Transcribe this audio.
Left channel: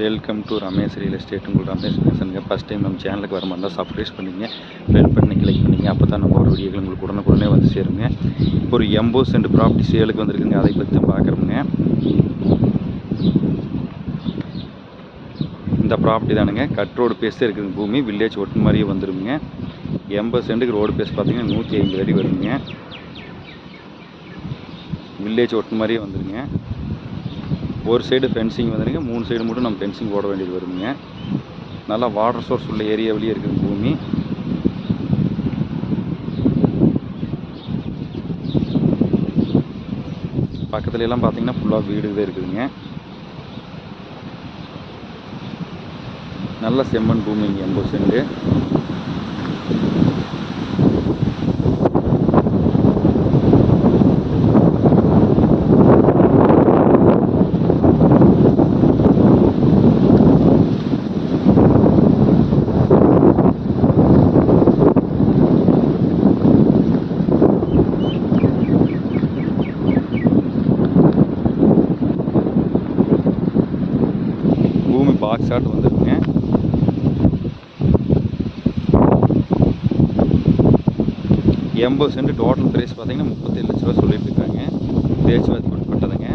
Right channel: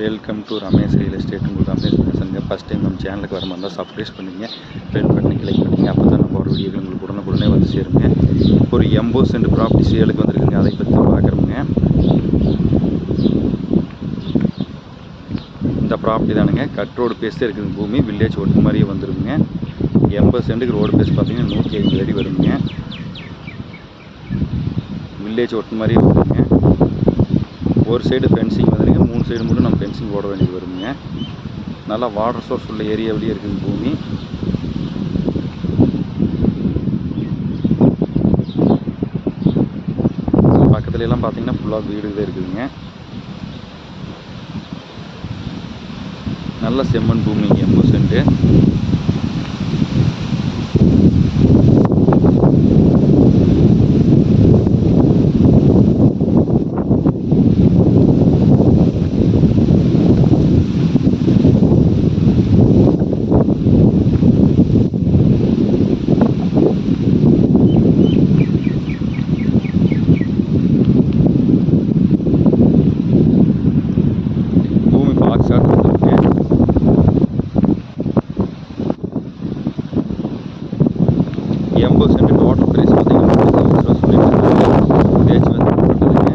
Welcome to Ramesh real estate உங்கள் ரமேஷ் பேசுங்க first time நம்ம சேனலுக்கு வர மாதிரி இருந்தால் சப்ஸ்கிரைப் பண்ணிங்க பெல் பண்ணி கிளிக் பண்ணிங்க அப்போ தான் நம்ம ஒரு வீடியோக்கள் உங்களுக்கு உடனுக்குடனே வந்து சேருங்க. இப்போ ஒரு எண்பது சென்ட் ப்ராப்பர்ட்டி சேலுக்கு வந்திருக்குங்க. அதை பற்றி பார்க்குறோங்க. இந்த ப்ராப்பர்ட்டி தானுங்க. கட் ரோடு பேஸ் இருக்குது பூமி. வில்லேஜ் ஒட்டு மாதிரியே வந்துருங்க. எண்பது சென்ட்டுக்கு ரோடு பேஸ் பார்த்தீங்கன்னா நூற்றி ஐம்பது அடி வருங்க. வில்லேஜ் ஒட்டு மாதிரியே வந்துருங்க. ஒரு சைடு ஃபென்சிங் வந்துடுங்க மூணு சைடு மட்டும் நம்ம ஃபென்சிங் போட வேண்டியது வருங்க நல்லா வாட்டர் சோர்ஸ் உள்ள ஏரியாவிலேயே இருக்குது பூமி. பக்கத்துல எல்லாம் பார்த்தீங்கன்னா ஃபுல்லாக வீடு தான் இருக்குதுங்க. நல்ல செம்மண் பூமிங்க எண்பது சென்ட்டு பூமி பாக்ஸ் ஆட் வந்துருக்குங்க எண்பது சென்ட் டோட்டல் ப்ரைஸ் பார்த்தீங்கன்னா முப்பத்தஞ்சு லட்ச ரூபா சொல்லிட்டு இருக்காங்க. பேச்சு வந்து பட்டதுங்க